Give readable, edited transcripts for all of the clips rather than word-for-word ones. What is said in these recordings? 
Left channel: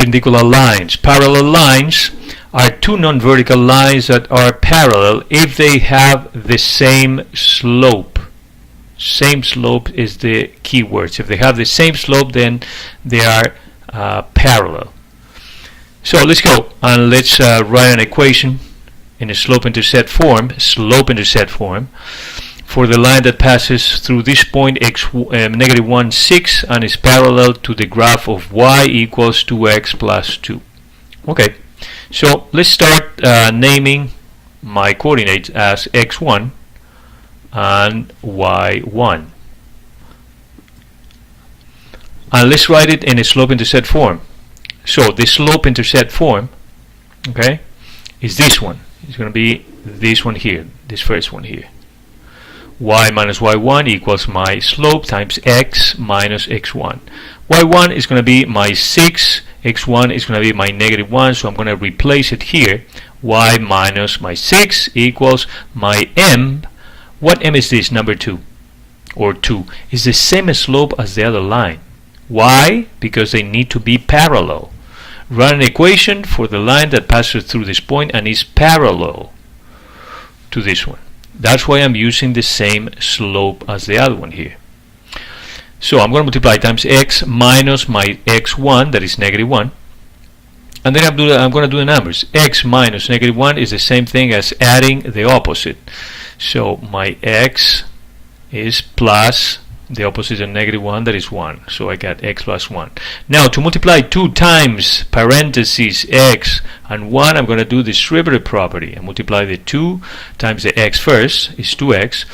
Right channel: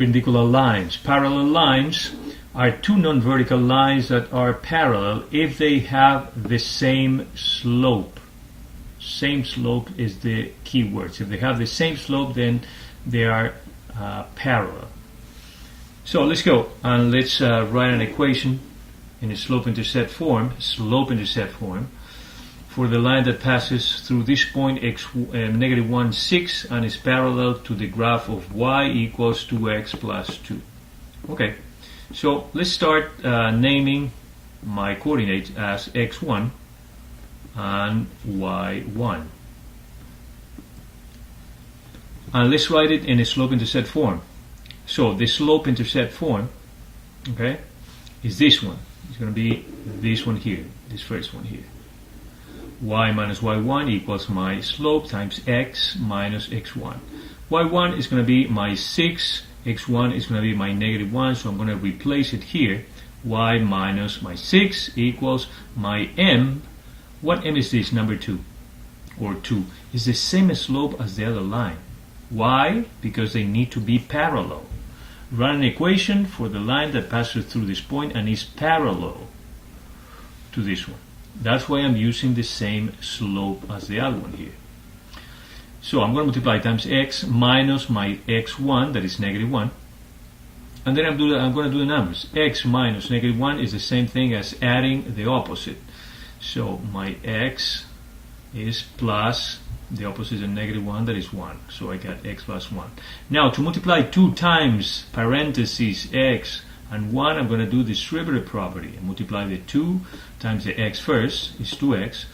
Perpendicular lines. Parallel lines are two non-vertical lines that are parallel if they have the same slope. Same slope is the key word. If they have the same slope, then they are parallel. So let's go and let's write an equation in a slope-intercept form, for the line that passes through this point, negative 1, 6, and is parallel to the graph of y equals 2x plus 2. Okay, so let's start naming my coordinates as x1 and y1. And let's write it in a slope-intercept form. So the slope-intercept form, okay, is this one. It's going to be this one here, this first one here. Y minus y1 equals my slope times x minus x1. y1 is going to be my 6, x1 is going to be my negative 1, so I'm going to replace it here. Y minus my 6 equals my m. What m is this? Number 2 or 2. It's the same slope as the other line. Why? Because they need to be parallel. Run an equation for the line that passes through this point and is parallel to this one. That's why I'm using the same slope as the other one here. So I'm going to multiply times x minus my x1, that is negative 1. And then I'm going to do the numbers. X minus negative 1 is the same thing as adding the opposite. So my x is plus the opposite of negative 1, that is 1. So I got x plus 1. Now to multiply 2 times parentheses x and 1, I'm going to do this derivative property and multiply the 2 times the x first is 2x.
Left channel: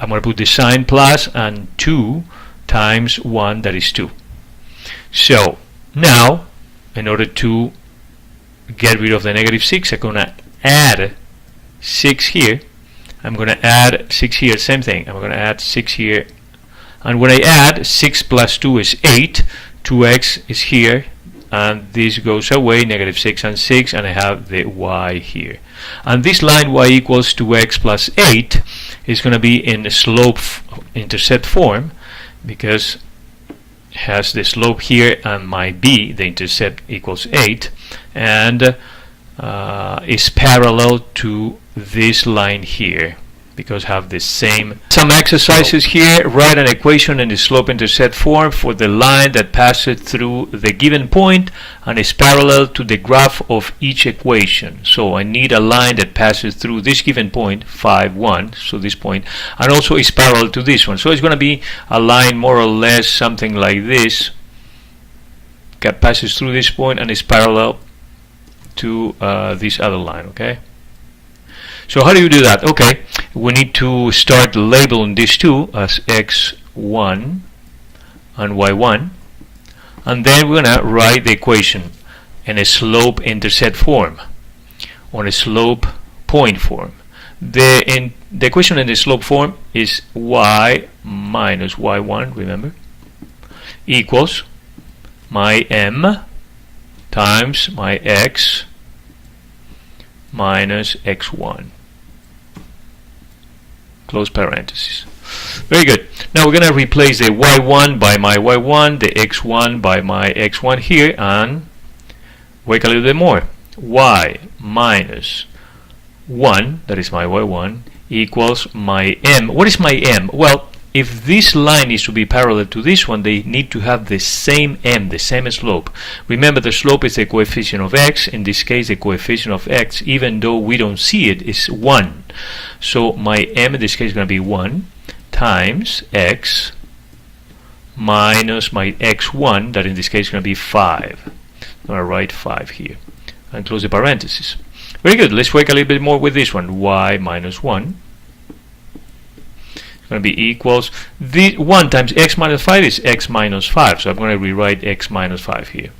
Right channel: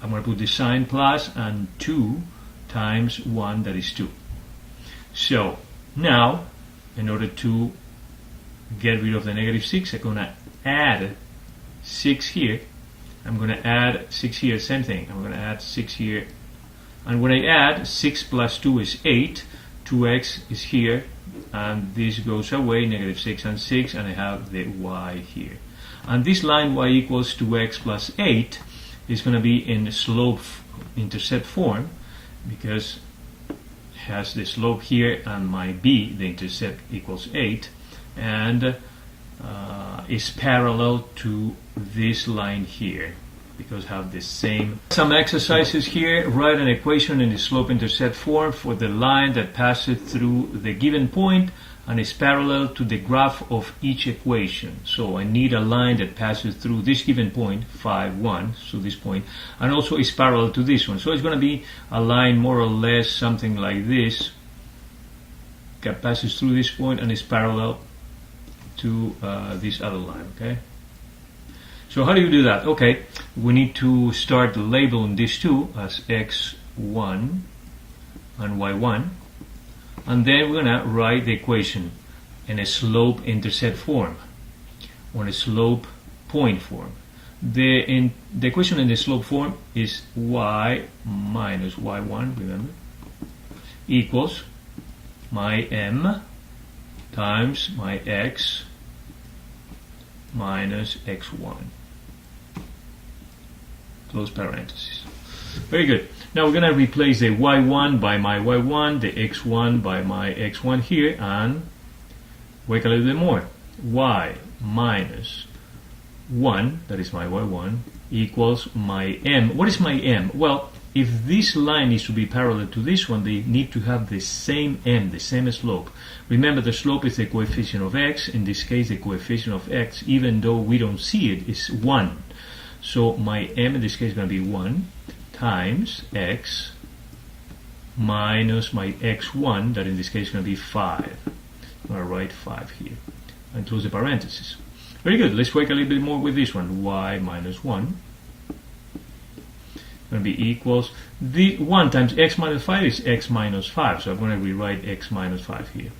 I'm going to put the sign plus and 2 times 1, that is 2. So now in order to get rid of the negative 6, I'm going to add 6 here. I'm going to add 6 here, same thing. I'm going to add 6 here. And when I add, 6 plus 2 is 8, 2x is here, and this goes away, negative 6 and 6, and I have the y here. And this line y equals 2x plus 8 is going to be in the slope-intercept form, because it has the slope here and my b, the intercept, equals 8, and is parallel to this line here, because have the same. Some exercises here. Write an equation in the slope-intercept form for the line that passes through the given point and is parallel to the graph of each equation. So I need a line that passes through this given point, 5, 1, so this point, and also is parallel to this one. So it's going to be a line more or less something like this, that passes through this point and is parallel to this other line, okay? So how do you do that? Okay, we need to start labeling these two as x1 and y1, and then we're going to write the equation in a slope-intercept form, on a slope point form. The equation in the slope form is y minus y1, remember, equals my m times my x minus x1. Close parentheses. Very good. Now we're going to replace the y1 by my y1, the x1 by my x1 here, and work a little bit more. Y minus 1, that is my y1, equals my m. What is my m? Well, if this line is to be parallel to this one, they need to have the same m, the same slope. Remember, the slope is the coefficient of x. In this case, the coefficient of x, even though we don't see it, is 1. So my m in this case is going to be 1 times x minus my x1, that in this case is going to be 5. I'm going to write 5 here and close the parentheses. Very good. Let's work a little bit more with this one. Y minus 1 going to be equals, the 1 times x minus 5 is x minus 5, so I'm going to rewrite x minus 5 here.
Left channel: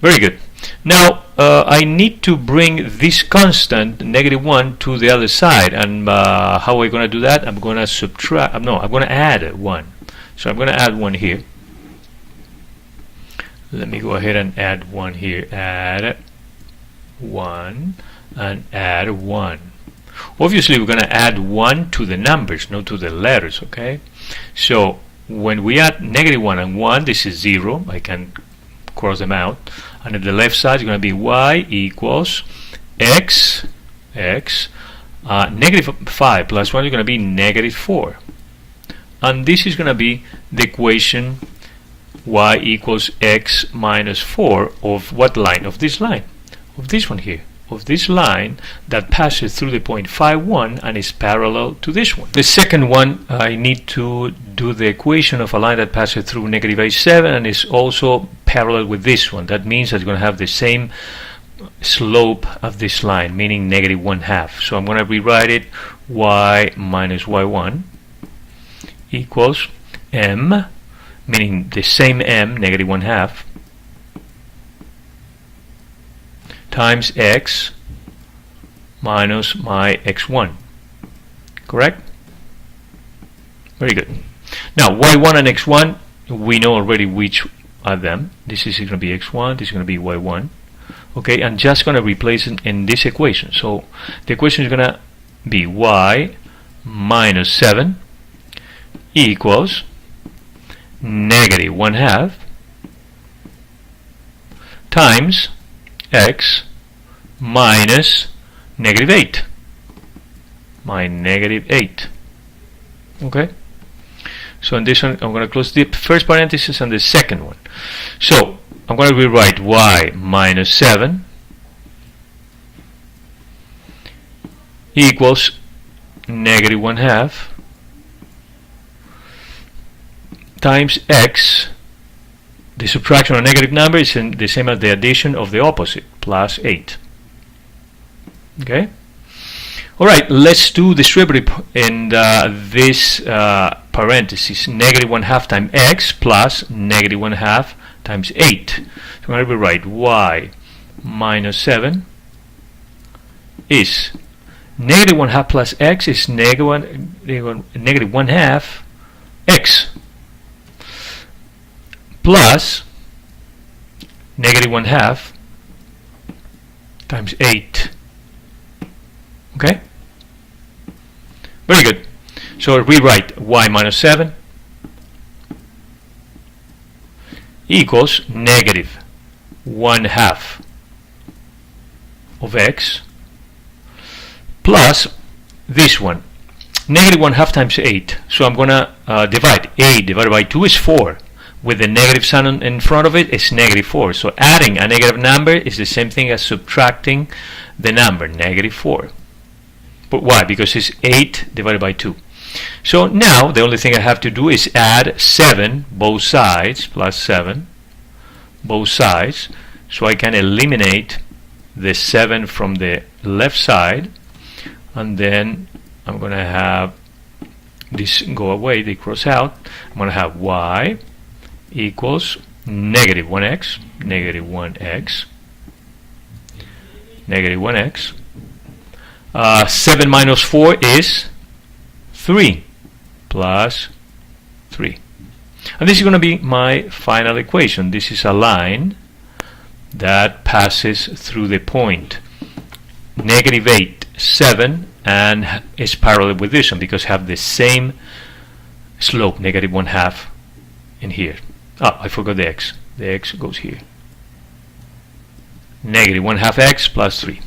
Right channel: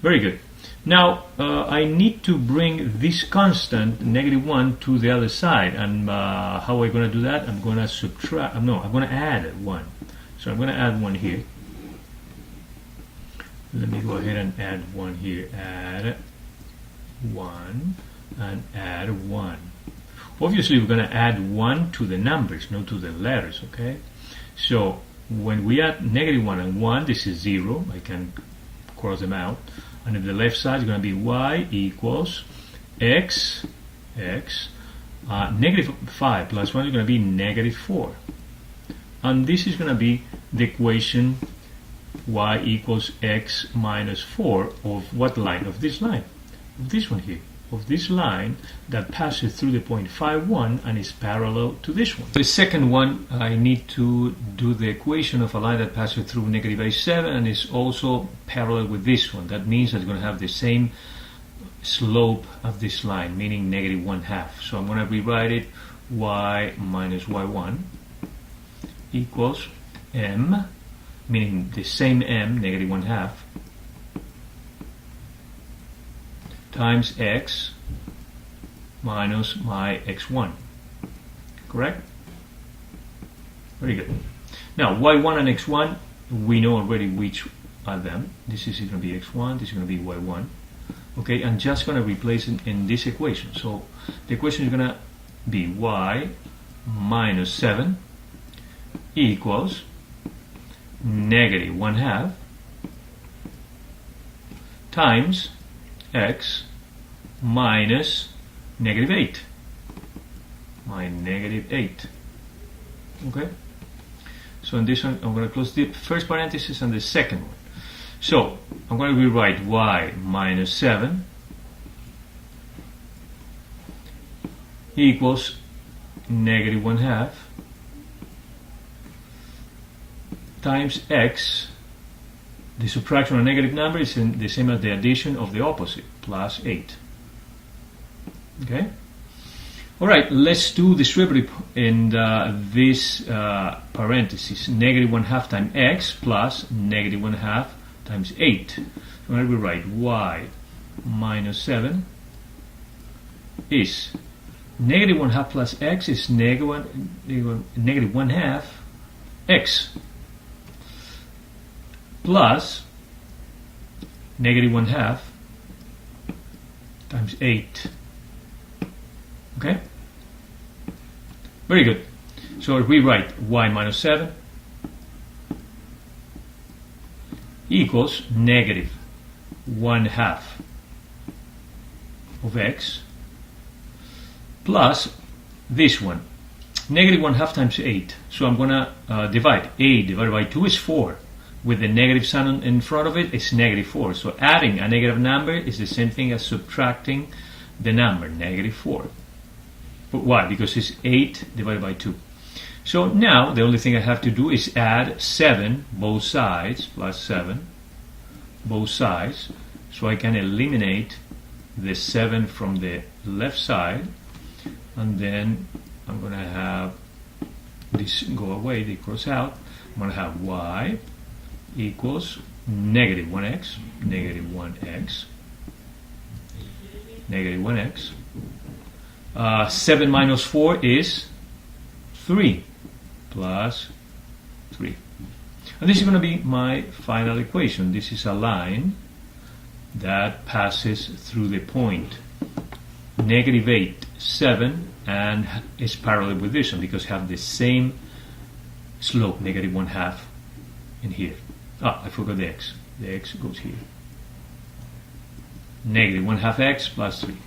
Very good. Now I need to bring this constant, negative 1, to the other side, and how are we going to do that? I'm going to subtract, no, I'm going to add 1. So I'm going to add 1 here. Let me go ahead and add 1 here. Add 1 and add 1. Obviously, we're going to add 1 to the numbers, not to the letters, okay? So when we add negative 1 and 1, this is 0. I can cross them out. And at the left side is going to be y equals x, negative 5 plus 1 is going to be negative 4. And this is going to be the equation y equals x minus 4 of what line? Of this line. Of this one here. Of this line that passes through the point phi 1 and is parallel to this one. The second one, I need to do the equation of a line that passes through negative a7 and is also parallel with this one. That means it's going to have the same slope of this line, meaning negative 1/2. So I'm going to rewrite it y minus y1 equals m, meaning the same m, negative 1/2, times x minus my x1. Correct? Very good. Now y1 and x1, we know already which are them. This is going to be x1, this is going to be y1. Okay, I'm just going to replace it in this equation. So the equation is going to be y minus 7 equals negative 1/2 times x minus negative 8. My negative 8. Okay? So in this one, I'm going to close the first parenthesis and the second one. So I'm going to rewrite y minus 7 equals negative 1/2 times x. The subtraction of a negative number is the same as the addition of the opposite, plus 8. Okay? Alright, let's do distribute in this parenthesis, negative 1/2 times x plus negative 1/2 times 8. So I'm going to rewrite y minus 7 is negative 1/2 plus x is negative 1/2 x plus negative 1/2 times 8. Okay? Very good. So rewrite y minus 7 equals negative 1/2 of x plus this one, negative 1/2 times 8. So I'm going to divide. 8 divided by 2 is 4. With the negative sign in front of it, it's negative 4. So adding a negative number is the same thing as subtracting the number, negative 4. But why? Because it's 8 divided by 2. So now the only thing I have to do is add 7 both sides, plus 7 both sides, so I can eliminate the 7 from the left side, and then I'm going to have this go away, they cross out. I'm going to have y equals negative 1x, negative 1x, negative 1x. 7 minus 4 is 3 plus 3. And this is going to be my final equation. This is a line that passes through the point negative 8, 7, and is parallel with this one because have the same slope, negative 1/2 in here. Ah, I forgot the x. The x goes here. Negative 1/2 x plus 3.